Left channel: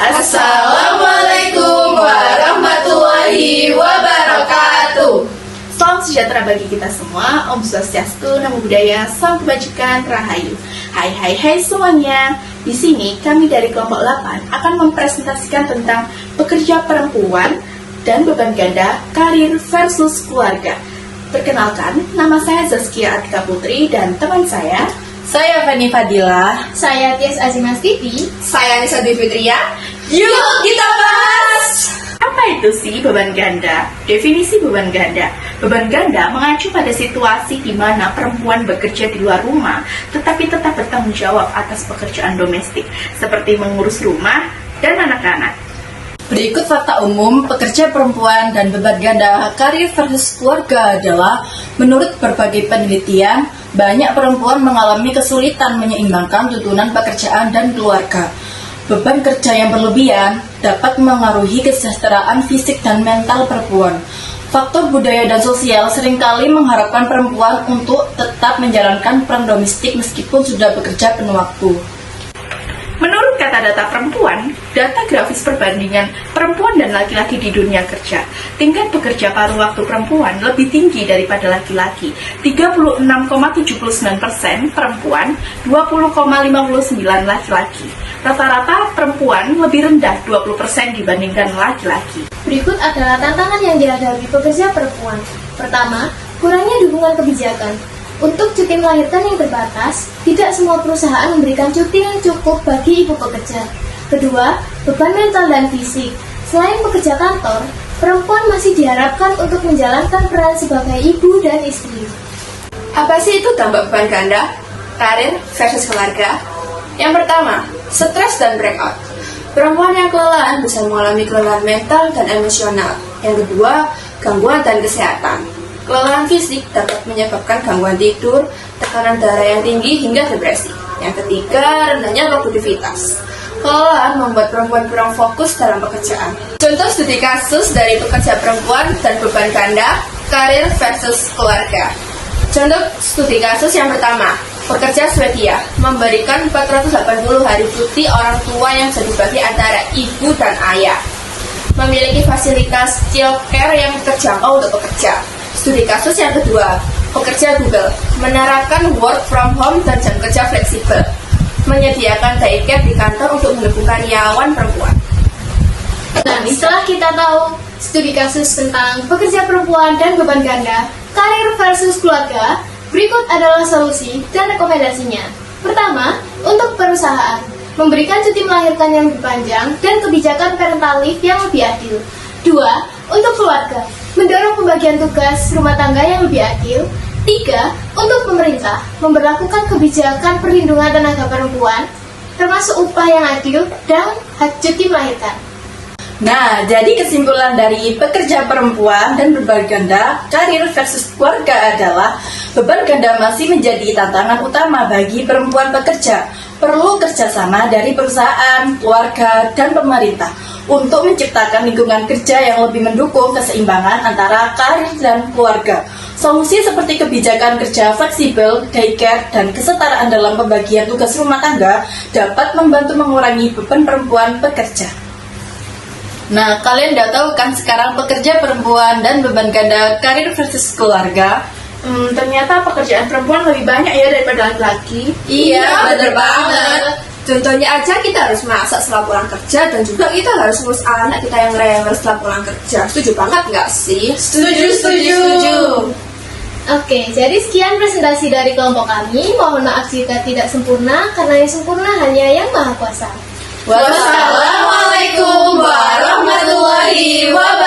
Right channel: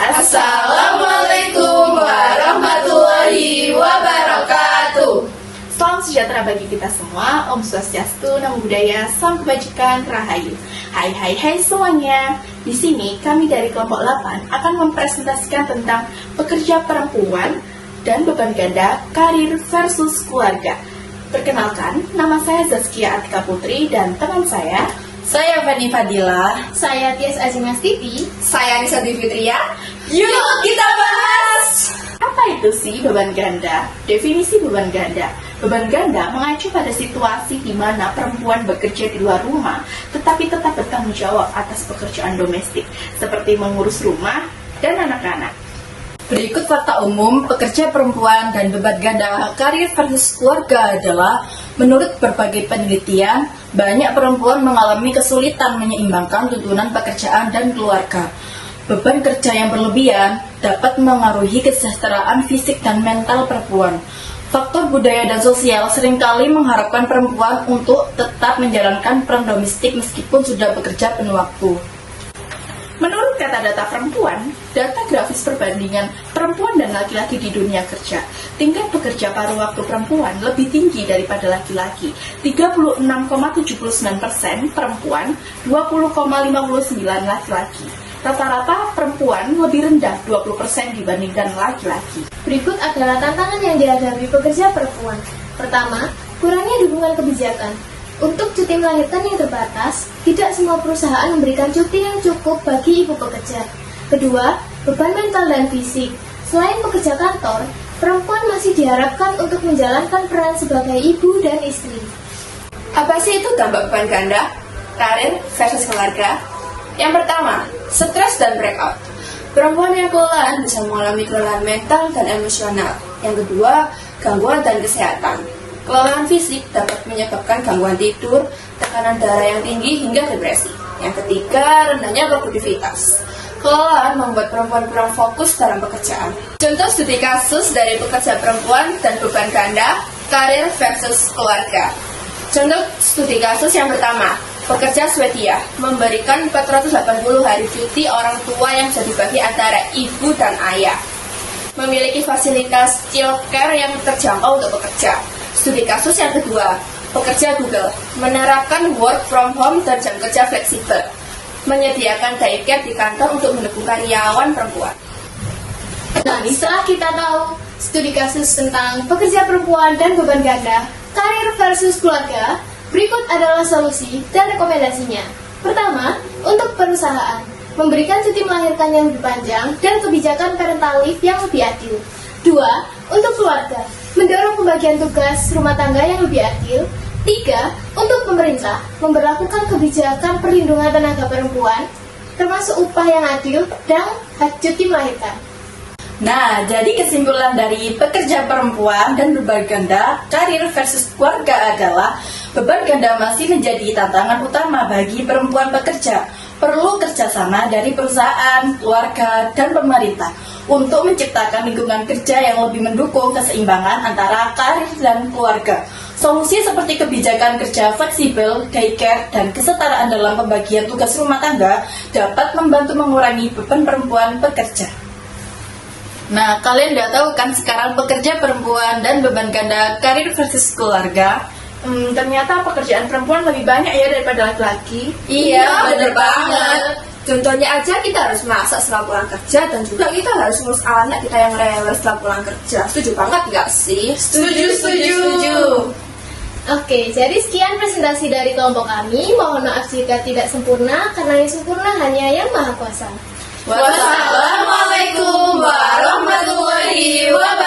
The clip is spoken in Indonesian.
Assalamualaikum warahmatullahi wabarakatuh. Salam sejahtera bagi kita semua. Om Swastiastu, Namo Buddhaya, Salam Kebajikan, Rahayu. Hai semuanya. Di sini kami dari kelompok 8 akan mempresentasikan tentang pekerja perempuan dan beban ganda, karir versus keluarga. Perkenalkan, nama saya Zaskia Atika Putri dan teman saya Fani Fadila. Saya Tias Azimas Titi. Saya Nisa Dwi Fitria. Yuk kita bahas. apa itu sih beban ganda? Definisi beban ganda. Beban ganda mengacu pada situasi di mana perempuan bekerja di luar rumah, tetapi tetap bertanggung jawab atas pekerjaan domestik, seperti mengurus rumah dan anak-anak. Berikut fakta umum pekerja perempuan dan beban ganda karir versus keluarga adalah menurut berbagai penelitian, banyak perempuan mengalami kesulitan menyeimbangkan tuntunan pekerjaan dan keluarga. Beban kerja yang berlebihan dapat mengaruhi kesejahteraan fisik dan mental perempuan. Faktor budaya dan sosial seringkali mengharapkan perempuan untuk tetap menjalankan peran domestik meskipun sudah bekerja penuh waktu. Menurut kata-data perempuan, data grafis perbandingan perempuan dan laki-laki di dunia kerja, tingkat bekerja paruh waktu perempuan lebih tinggi daripada laki-laki, 36,79% perempuan, 20,59% laki-laki. Rata-rata perempuan lebih rendah 20% dibandingkan laki-laki. Berikut adalah tantangan yang dihadapi pekerja perempuan. Pertama, kurangnya dukungan kebijakan. Untuk cuti melahirkan yang terbatas, tidak semua perusahaan memberikan cuti yang cukup bagi ibu pekerja. Kedua, beban mental dan fisik. Selain pekerja kantor, perempuan masih diharapkan untuk menjalankan peran sebagai ibu dan istri. Apa sih itu dampak beban ganda, karir versus keluarga? Yang pertama, stres dan breakout. Perempuan yang kelelahan bisa mengalami kelelahan mental dan emosional. Yang kedua, gangguan dan kesehatan. Kelelahan fisik dapat menyebabkan gangguan tidur, tekanan darah yang tinggi hingga depresi. Yang ketiga, rendahnya produktivitas. Kelelahan membuat perempuan kurang fokus dalam pekerjaan. Contoh studi kasus dari pekerja perempuan dan beban ganda, karir versus keluarga. Contoh studi kasus yang pertama, pekerja Swedia memberikan 480 hari cuti orang tua yang bisa dibagi antara ibu dan ayah. Memiliki fasilitas childcare yang terjangkau untuk bekerja. Studi kasus yang kedua, pekerja Google menerapkan work from home dan jam kerja fleksibel, menyediakan daycare di kantor untuk mendukung karyawan perempuan. Nah, setelah kita tahu studi kasus tentang pekerja perempuan dan beban ganda, karir versus keluarga, berikut adalah solusi dan rekomendasinya. Pertama, untuk perusahaan, memberikan cuti melahirkan yang lebih panjang dan kebijakan parental leave yang lebih adil. Dua, untuk keluarga, mendorong pembagian tugas rumah tangga yang lebih adil. Tiga, untuk pemerintah, memberlakukan kebijakan perlindungan tenaga perempuan, termasuk upah yang adil dan hak cuti melahirkan. Nah, jadi kesimpulan dari pekerja perempuan dan beban ganda, karir versus keluarga adalah beban ganda masih menjadi tantangan utama bagi perempuan pekerja. Perlu kerjasama dari perusahaan, keluarga, dan pemerintah untuk menciptakan lingkungan kerja yang lebih mendukung keseimbangan antara karir dan keluarga. Solusi seperti kebijakan kerja fleksibel, daycare, dan kesetaraan dalam pembagian tugas rumah tangga dapat membantu mengurangi beban perempuan pekerja. Nah, kalian udah tahu kan sekarang pekerja perempuan dan beban ganda karir versus keluarga? Ternyata pekerjaan perempuan lebih banyak ya daripada laki-laki. Iya, bener banget. Contohnya aja kita harus masak setelah pulang kerja dan juga kita harus ngurus anak kita yang rewel setelah pulang kerja. Setuju banget nggak sih? Setuju. Oke, jadi sekian presentasi dari kelompok kami. Mohon maaf jika tidak sempurna, karena yang sempurna hanya Yang Maha Kuasa. Wassalamualaikum warahmatullahi wabarakatuh.